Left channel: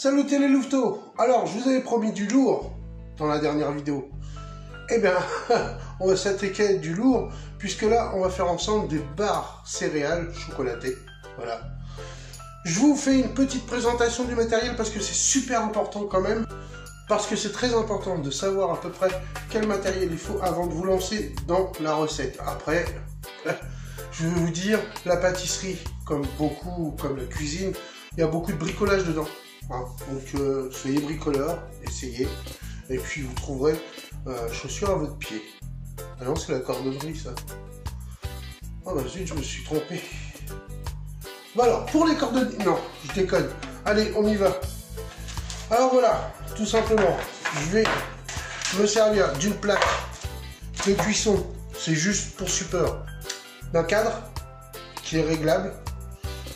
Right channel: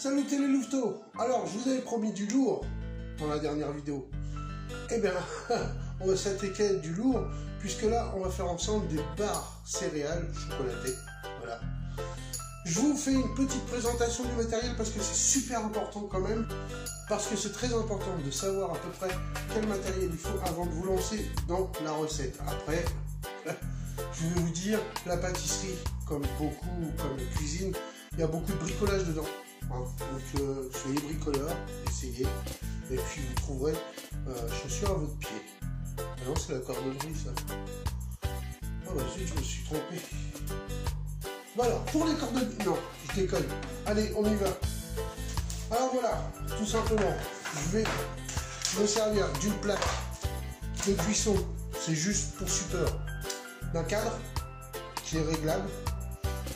Salut les louveteaux. Alors, je vous avais promis du lourd dans la dernière vidéo. Eh bien, on va s'attaquer du lourd, puisque là, on va faire ensemble des barres céréales chocolatées. Voilà. Je vous fais une petite présentation du matériel, parce que c'est super important quand même. Parce que c'est très important de savoir à peu près quel matériel il faut avant de vous lancer dans la recette. Après, je vais vous dire, la pâtisserie, comme beaucoup, comme la cuisine, il y a beaucoup de bricolage dedans. Hein. Donc, soyez bricoleurs, essayez. Et puis, vous trouverez chaussures à votre pied. Ah non, c'est la corderie, ça. Oh bah zut, je me suis trompé. Bon alors, pour les cordonniers... Non, je déconne. Allez, on y va. Alors voilà, tout simplement, je vais me servir d'une plaque de cuisson. C'est juste pour support d'un cadre qui est réglable.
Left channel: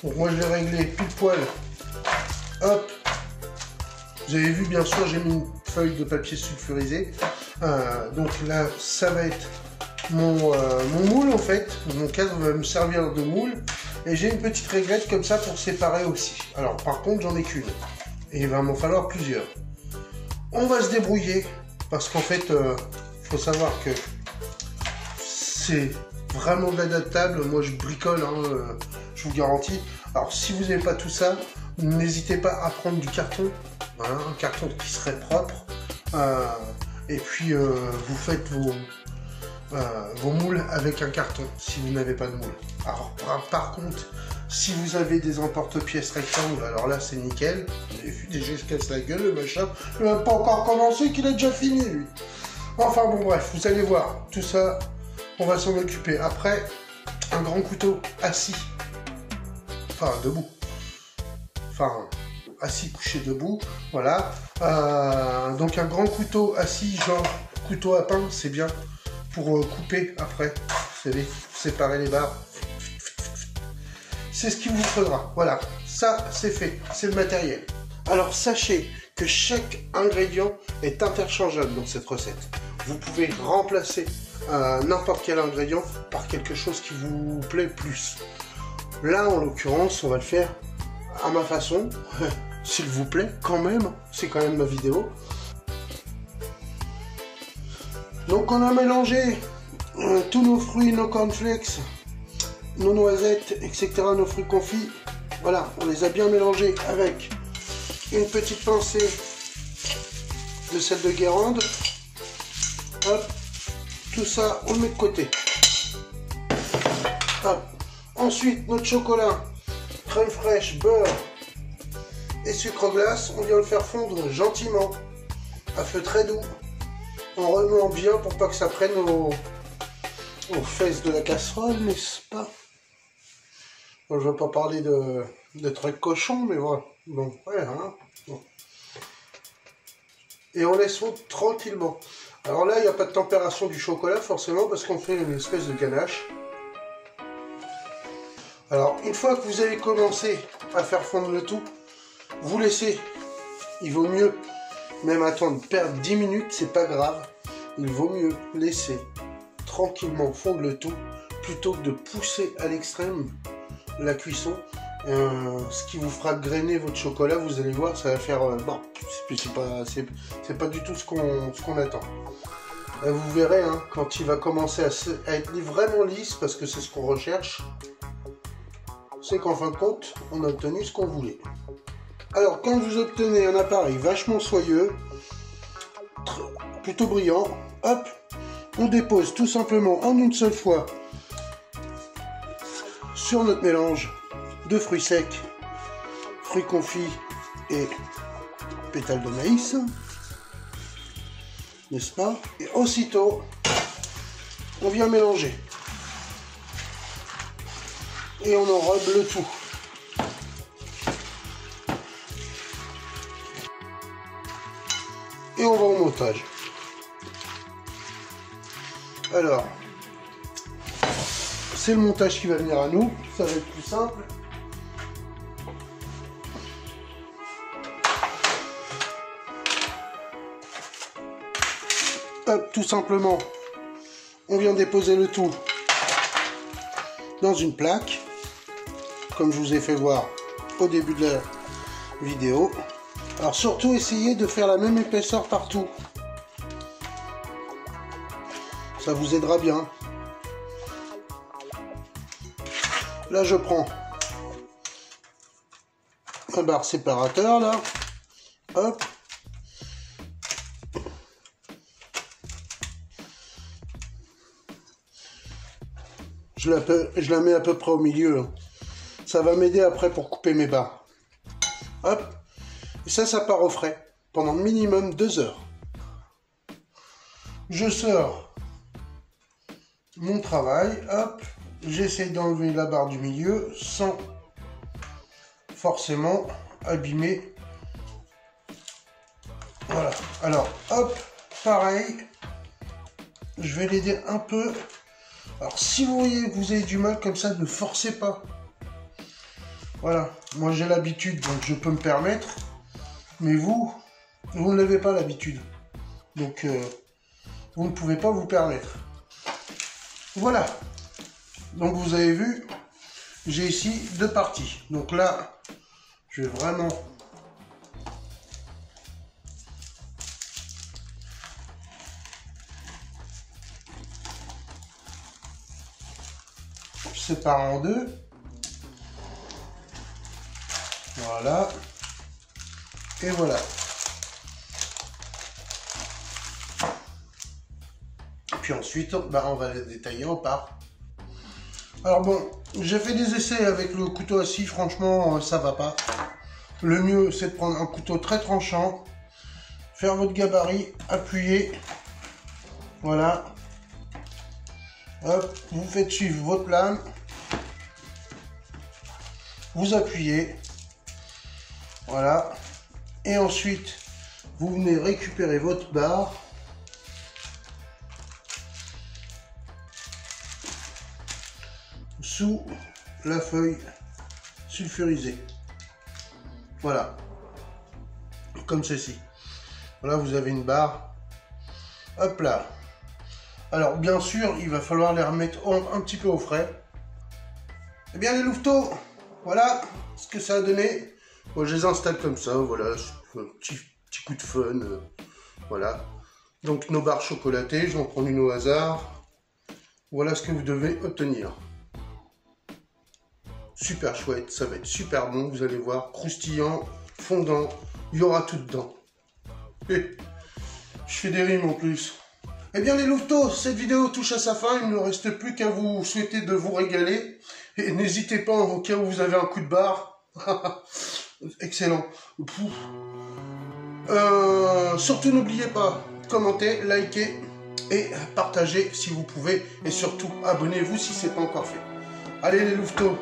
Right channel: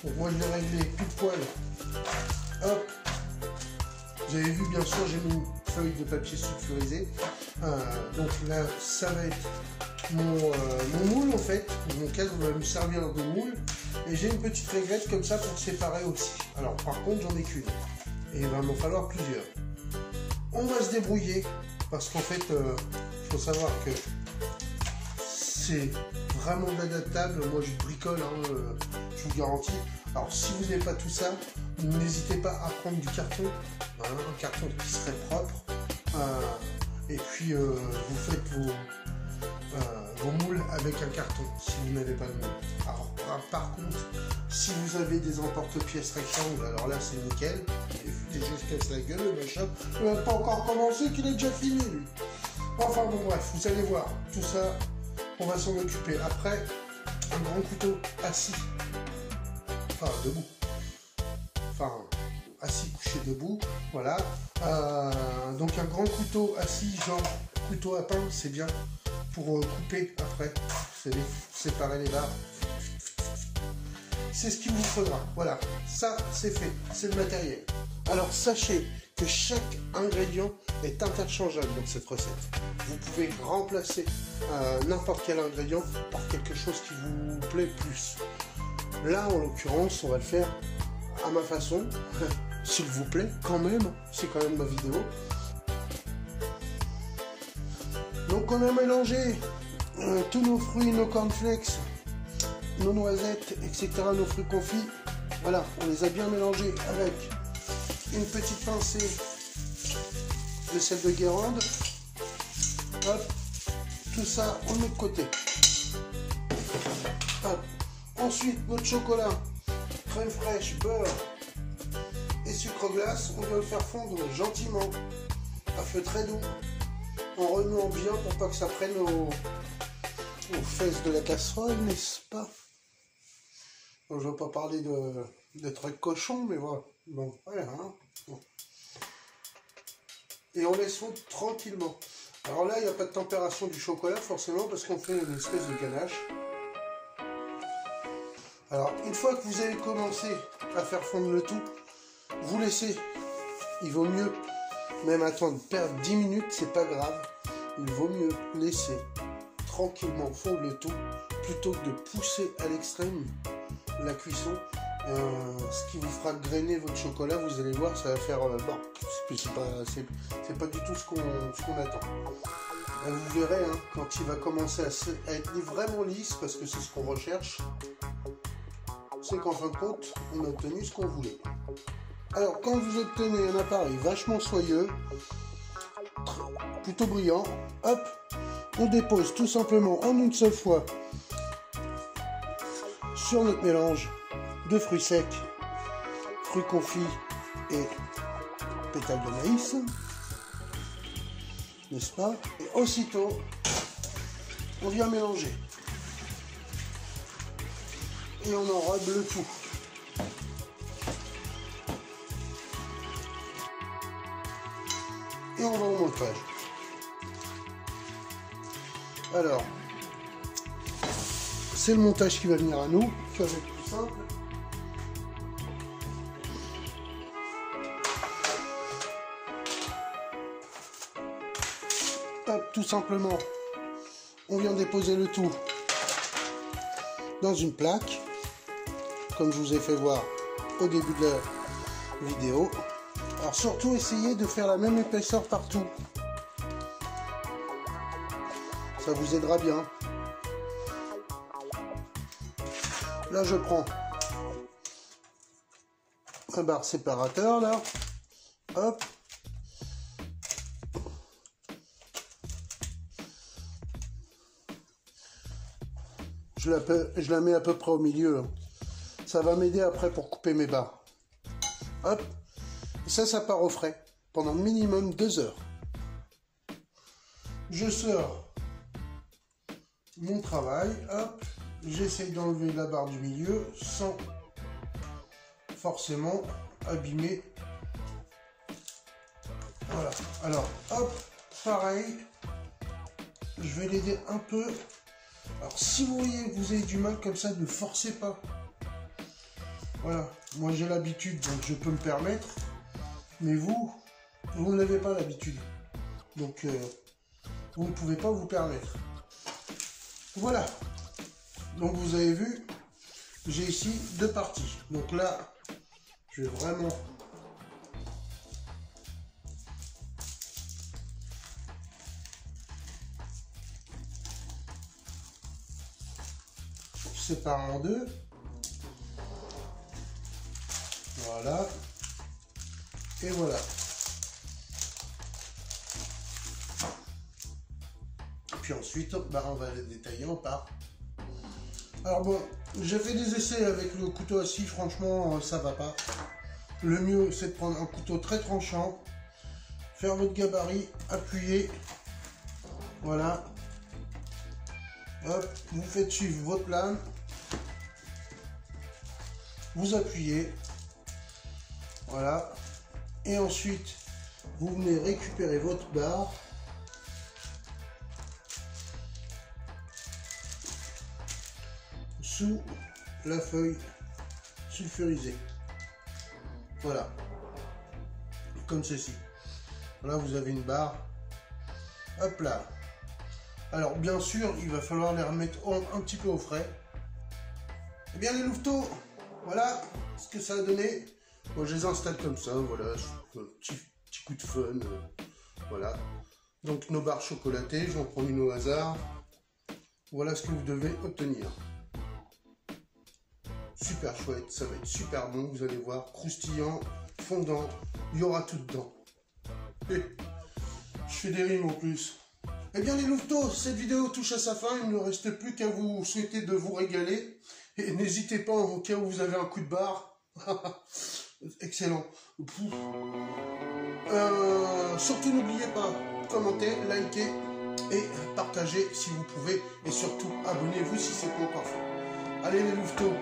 Donc moi je l'ai réglé pile poil. Hop. Vous avez vu, bien sûr, j'ai mis une feuille de papier sulfurisé. Donc là, ça va être mon moule en fait. Mon cadre va me servir de moule. Et j'ai une petite réglette comme ça pour séparer aussi. Alors par contre, j'en ai qu'une. Et il va m'en falloir plusieurs. On va se débrouiller. Parce qu'en fait, il faut savoir que c'est vraiment adaptable. Moi, je bricole, hein, je vous garantis. Alors, si vous n'avez pas tout ça, n'hésitez pas à prendre du carton. Hein, un carton qui serait propre. Et puis, vous faites vos moules avec un carton, si vous n'avez pas de moule. Alors, par contre, si vous avez des emporte-pièces rectangles, alors là, c'est nickel. Déjà, je casse la gueule, le machin. Il n'a pas encore commencé, qu'il a déjà fini, lui. Enfin, bon, bref, vous allez voir. Tout ça, on va s'en occuper. Après, un grand couteau assis. Enfin, debout. Enfin, assis, couché debout. Voilà. Donc, un grand couteau assis, genre couteau à pain, c'est bien. Pour couper après, vous savez, séparer les barres. C'est ce qu'il vous faudra. Voilà, ça c'est fait, c'est le matériel. Alors sachez que chaque ingrédient est interchangeable dans cette recette. Vous pouvez remplacer n'importe quel ingrédient par quelque chose qui vous plaît plus. Là, en l'occurrence, on va le faire à ma façon. S'il vous plaît, quand même, c'est quand même ma vidéo. Donc on a mélangé tous nos fruits, nos cornflakes, nos noisettes, etc., nos fruits confits. Voilà, on les a bien mélangés avec une petite pincée de sel de Guérande. Hop, tout ça, on le met de côté. Hop. Ensuite, notre chocolat, crème fraîche, beurre et sucre glace, on vient le faire fondre gentiment, à feu très doux. En remuant bien pour pas que ça prenne aux fesses de la casserole, n'est-ce pas? Bon, je ne vais pas parler de trucs cochons, mais voilà. Bon, ouais, hein. Bon. Et on laisse fondre tranquillement. Alors là, il n'y a pas de températion du chocolat, forcément, parce qu'on fait une espèce de ganache. Alors, une fois que vous avez commencé à faire fondre le tout, vous laissez. Il vaut mieux même attendre, perdre 10 minutes, c'est pas grave. Il vaut mieux laisser tranquillement fondre le tout plutôt que de pousser à l'extrême la cuisson. Ce qui vous fera grainer votre chocolat, vous allez voir, ça va faire... bon, c'est pas du tout ce qu'on attend. Là, vous verrez, hein, quand il va commencer à être vraiment lisse, parce que c'est ce qu'on recherche, c'est qu'en fin de compte, on a obtenu ce qu'on voulait. Alors, quand vous obtenez un appareil vachement soyeux, plutôt brillant, hop, on dépose tout simplement en une seule fois sur notre mélange de fruits secs, fruits confits et pétales de maïs, n'est-ce pas? Et aussitôt, on vient mélanger. Et on enrobe le tout. Et on va au montage. Alors, c'est le montage qui va venir à nous. Ça va être plus simple. Hop, tout simplement, on vient déposer le tout dans une plaque, comme je vous ai fait voir au début de la vidéo. Alors surtout essayez de faire la même épaisseur partout. Ça vous aidera bien. Là je prends un bar séparateur là. Hop. Je la mets à peu près au milieu. Ça va m'aider après pour couper mes barres. Hop. Et ça part au frais pendant minimum 2 heures. Je sors mon travail. Hop. J'essaie d'enlever la barre du milieu sans forcément abîmer. Voilà. Alors, hop. Pareil. Je vais l'aider un peu. Alors, si vous voyez que vous avez du mal comme ça, ne forcez pas. Voilà. Moi, j'ai l'habitude, donc je peux me permettre. Mais vous ne l'avez pas l'habitude. Donc, vous ne pouvez pas vous permettre. Voilà. Donc, vous avez vu, j'ai ici 2 parties. Donc là, je vais vraiment... séparer en 2. Voilà. Et voilà. Puis ensuite, on va les détailler en parts. Alors bon, j'ai fait des essais avec le couteau à scie, franchement, ça va pas. Le mieux, c'est de prendre un couteau très tranchant, faire votre gabarit, appuyer. Voilà. Hop, vous faites suivre votre lame. Vous appuyez, voilà, et ensuite vous venez récupérer votre barre, sous la feuille sulfurisée, voilà, comme ceci. Voilà, vous avez une barre, hop là. Alors bien sûr, il va falloir les remettre un petit peu au frais. Eh bien les louveteaux, voilà ce que ça a donné. Moi je les installe comme ça, voilà, un petit coup de fun, voilà. Donc nos barres chocolatées, je vais en prendre une au hasard. Voilà ce que vous devez obtenir. Super chouette, ça va être super bon, vous allez voir, croustillant, fondant, il y aura tout dedans. Et je fais des rimes en plus. Eh bien les louveteaux, cette vidéo touche à sa fin, il ne reste plus qu'à vous souhaiter de vous régaler. Et n'hésitez pas, au cas où vous avez un coup de barre. Excellent. Surtout n'oubliez pas, commentez, likez et partagez si vous pouvez. Et surtout, abonnez-vous si ce n'est pas encore fait. Allez les louveteaux,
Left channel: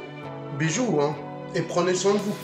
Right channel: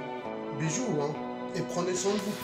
bisous hein, et prenez soin de vous.